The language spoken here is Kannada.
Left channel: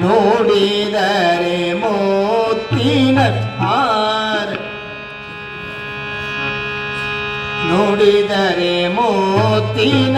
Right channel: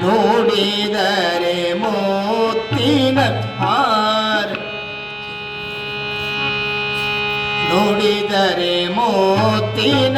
ನೋಡಿದರೆ ಮೋತ್ತಿನ ಪಾರ್ ನೋಡಿದರೆ ಮೋತ್ತಿನ